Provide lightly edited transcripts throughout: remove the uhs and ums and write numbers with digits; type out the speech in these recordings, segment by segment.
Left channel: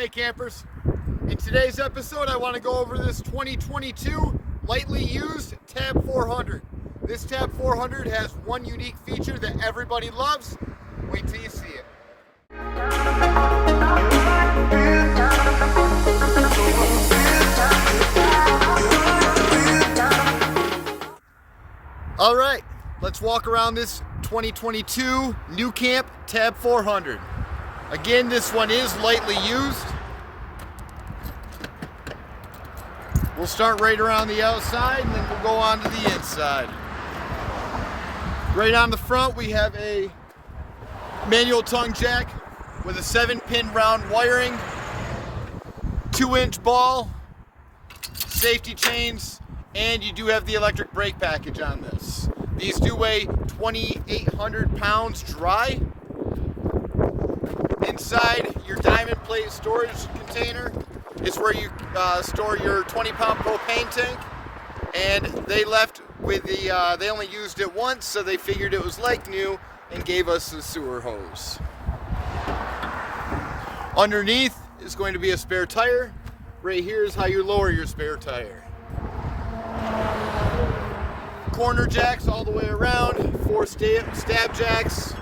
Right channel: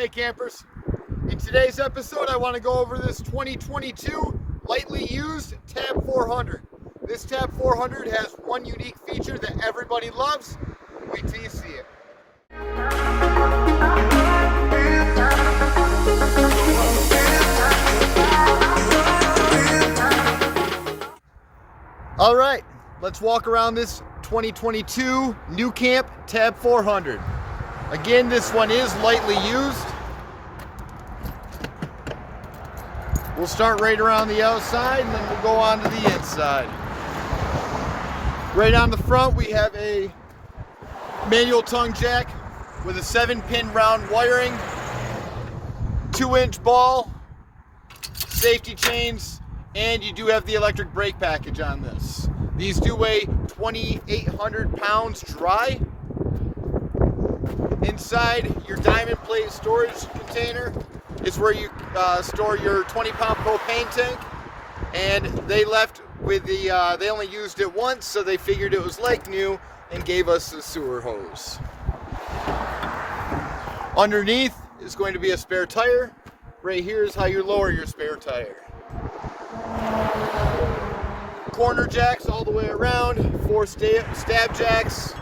Hey campers, in today's episode I want to go over this 2022 lightly used TAB 400. This TAB 400 has one unique feature that everybody loves. Wait till you see it. All right, let's walk around this 2022 Nucamp TAB 400. Again, this one is lightly used. We'll start right around the outside and then we'll go on to the inside. Right on the front we have a manual tongue jack with a 7-pin round wiring, 2-inch ball, safety chains, and you do have the electric brake package on this. These do weigh 2,800 pounds dry. Inside your diamond plate storage container is where you store your 20-pound propane tank. And they left with the, they only used it once, so they figured it was like new and gave us the sewer hose. Underneath is going to be a spare tire. Right here is how you lower your spare tire. Corner jacks all the way around, 4 stab jacks.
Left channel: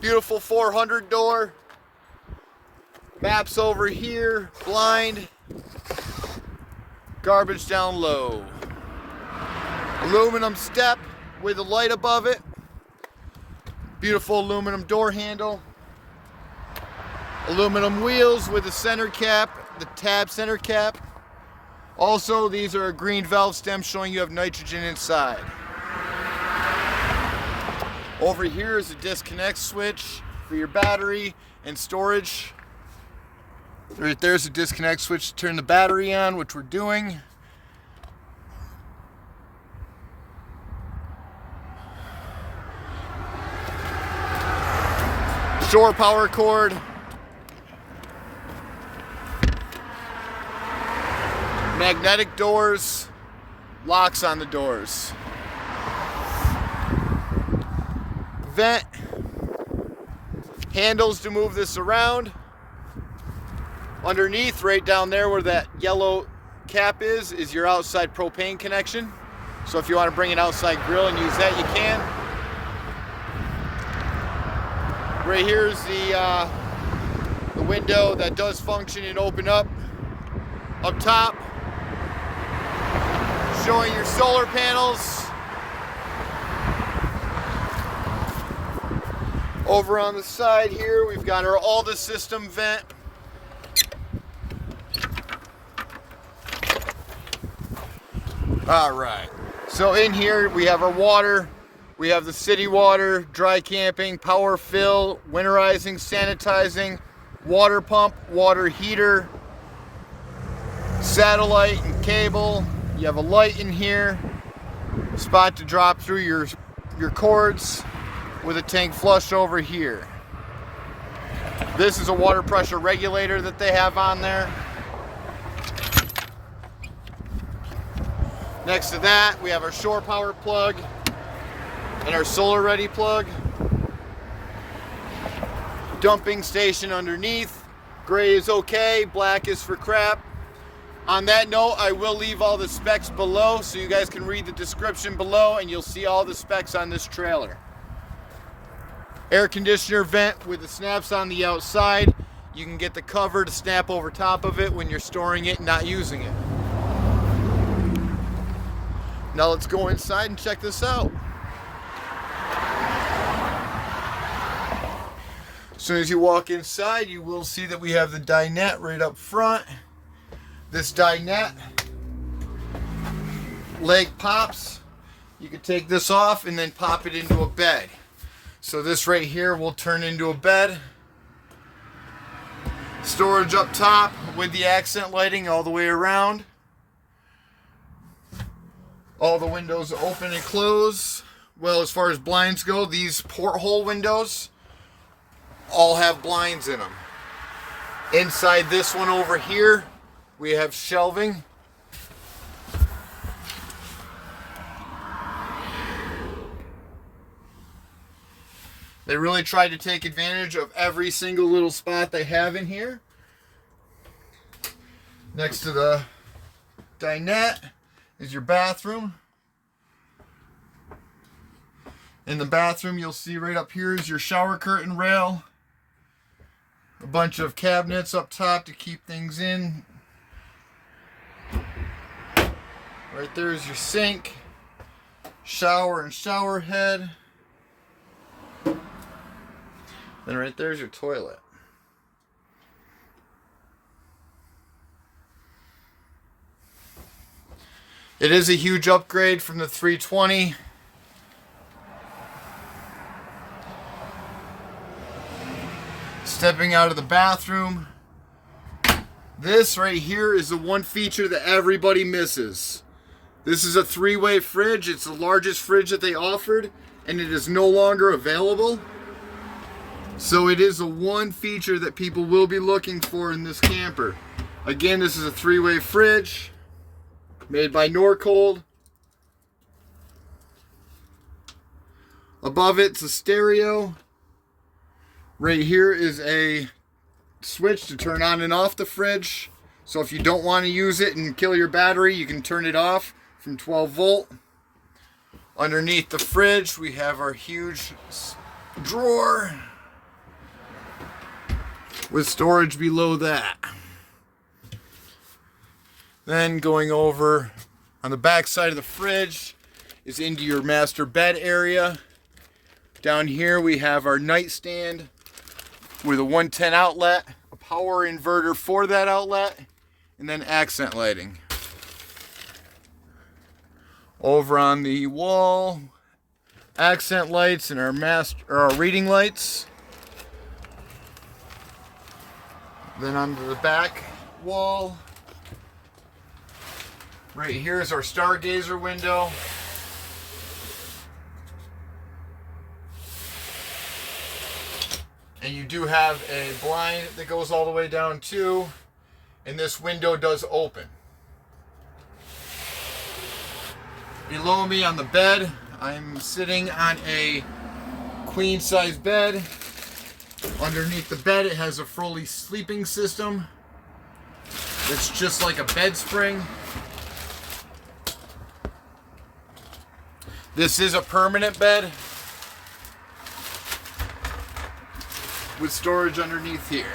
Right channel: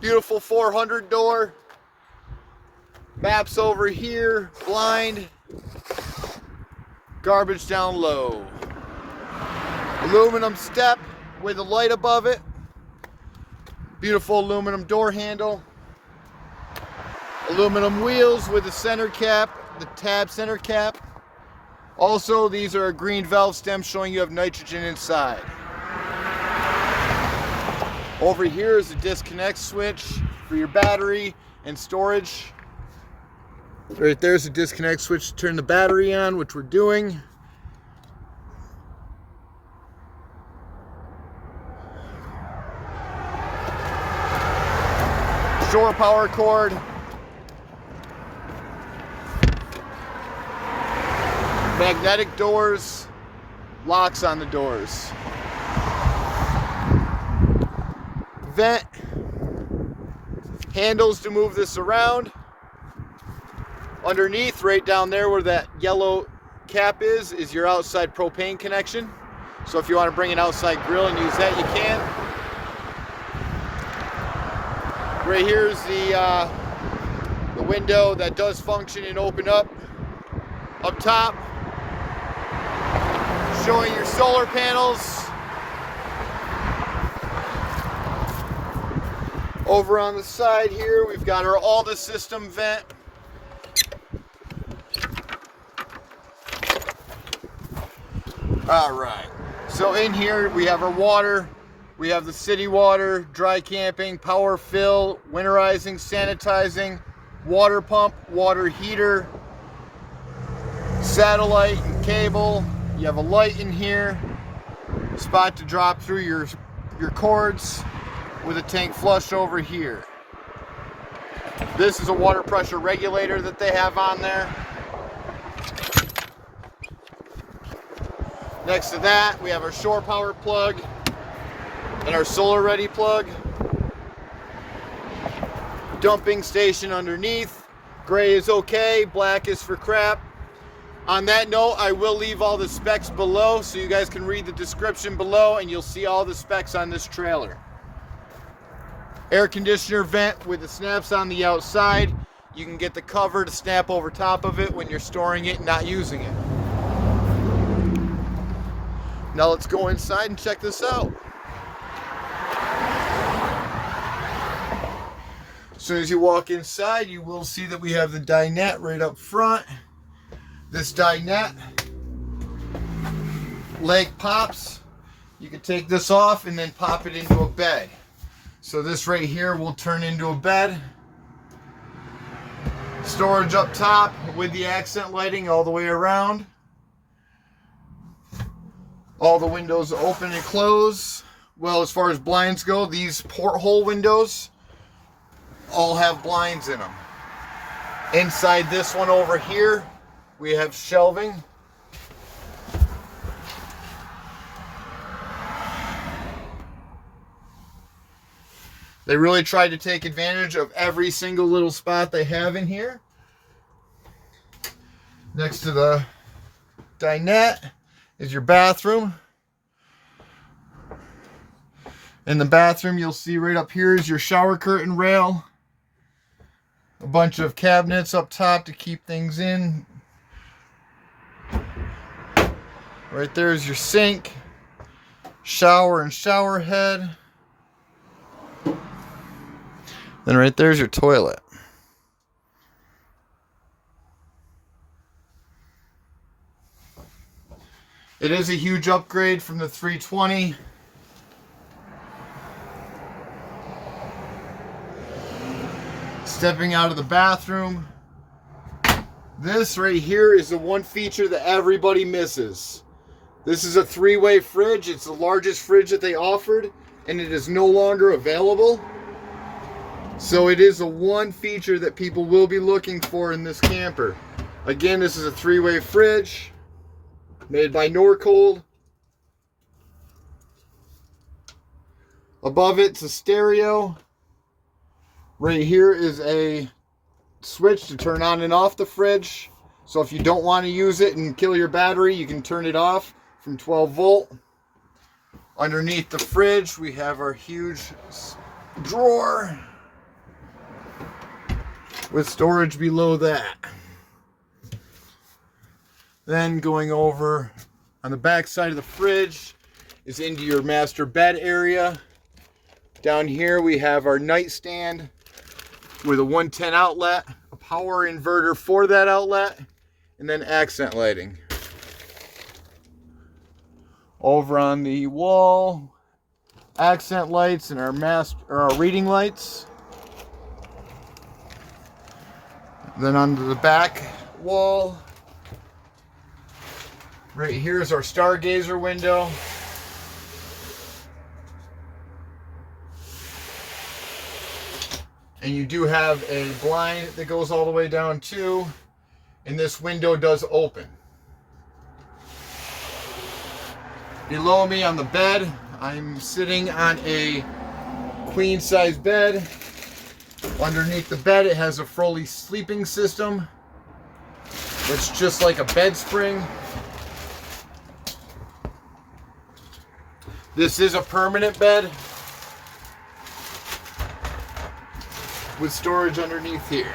Beautiful 400 door. Maps over here, blind. Garbage down low. Aluminum step with a light above it. Beautiful aluminum door handle. Aluminum wheels with a center cap, the tab center cap. Also, these are a green valve stem showing you have nitrogen inside. Over here is a disconnect switch for your battery and storage. Right there's a disconnect switch to turn the battery on, which we're doing. Shore power cord. Magnetic doors, locks on the doors. Vent, handles to move this around. Underneath, right down there where that yellow cap is your outside propane connection. So if you want to bring an outside grill and use that, you can. Right here is the window that does function and open up. Up top, showing your solar panels. Over on the side here, we've got our all the system vent. All right, so in here we have our water. We have the city water, dry camping, power fill, winterizing, sanitizing, water pump, water heater, satellite and cable. You have a light in here, spot to drop through your cords with a tank flush over here. This is a water pressure regulator that they have on there. Next to that, we have our shore power plug and our solar ready plug. Dumping station underneath. Gray is okay, black is for crap. On that note, I will leave all the specs below so you guys can read the description below and you'll see all the specs on this trailer. Air conditioner vent with the snaps on the outside. You can get the cover to snap over top of it when you're storing it and not using it. Now let's go inside and check this out. As soon as you walk inside, you will see that we have the dinette right up front. This dinette leg pops. You can take this off and then pop it into a bed. So this right here will turn into a bed. Storage up top with the accent lighting all the way around. All the windows open and close. Well, as far as blinds go, these porthole windows all have blinds in them. Inside this one over here, we have shelving. They really tried to take advantage of every single little spot they have in here. Next to the dinette is your bathroom. In the bathroom, you'll see right up here is your shower curtain rail. A bunch of cabinets up top to keep things in. Right there is your sink, shower and shower head. Then right there's your toilet. It is a huge upgrade from the 320. Stepping out of the bathroom. This right here is the one feature that everybody misses. This is a 3-way fridge. It's the largest fridge that they offered, and it is no longer available. So it is the one feature that people will be looking for in this camper. Again, this is a 3-way fridge made by Norcold. Above it's a stereo. Right here is a switch to turn on and off the fridge. So if you don't want to use it and kill your battery, you can turn it off from 12 volt. Underneath the fridge, we have our huge drawer with storage below that. Then going over on the back side of the fridge is into your master bed area. Down here we have our nightstand with a 110 outlet, a power inverter for that outlet, and then accent lighting. Over on the wall, accent lights and our reading lights. Then onto the back wall, right here is our stargazer window. And you do have a blind that goes all the way down too, and this window does open. Below me on the bed, I'm sitting on a queen size bed. Underneath the bed, it has a Froley sleeping system. It's just like a bed spring. This is a permanent bed with storage underneath here.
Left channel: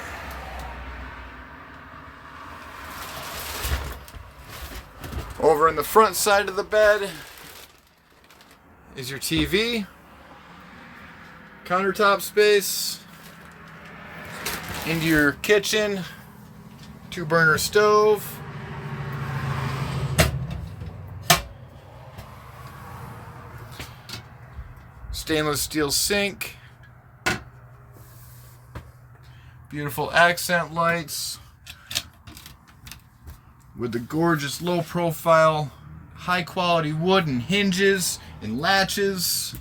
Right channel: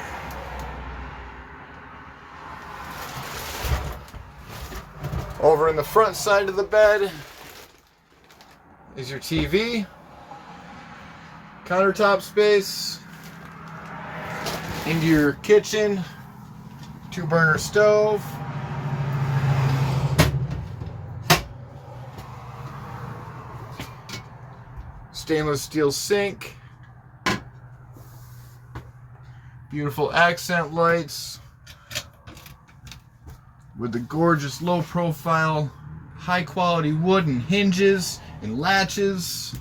Over in the front side of the bed is your TV, countertop space, into your kitchen, 2-burner stove, stainless steel sink, beautiful accent lights with the gorgeous low profile, high quality wood and hinges and latches.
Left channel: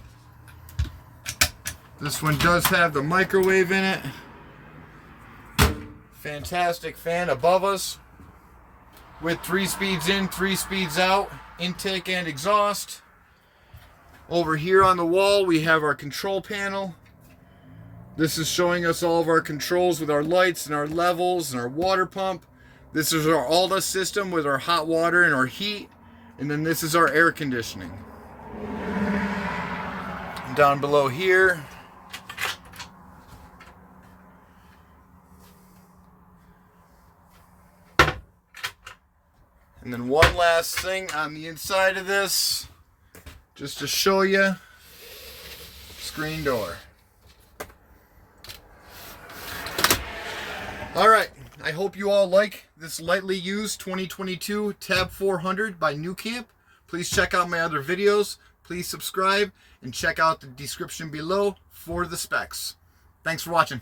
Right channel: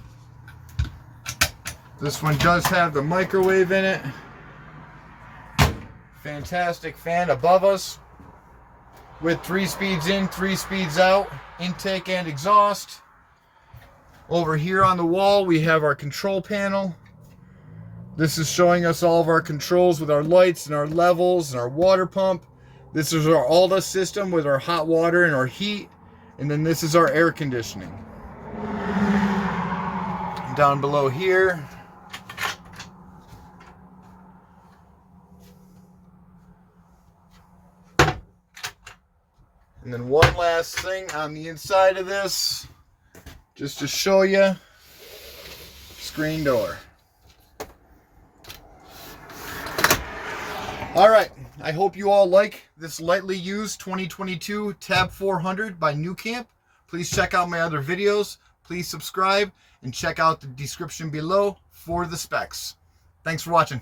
This one does have the microwave in it. Fantastic fan above us with 3 speeds in, 3 speeds out, intake and exhaust. Over here on the wall we have our control panel. This is showing us all of our controls with our lights and our levels and our water pump. This is our Alta system with our hot water and our heat. And then this is our air conditioning. Down below here, and then one last thing on the inside of this, just to show you, screen door. All right, I hope you all like this lightly used 2022 Tab 400 by Nucamp. Please check out my other videos. Please subscribe and check out the description below for the specs. Thanks for watching.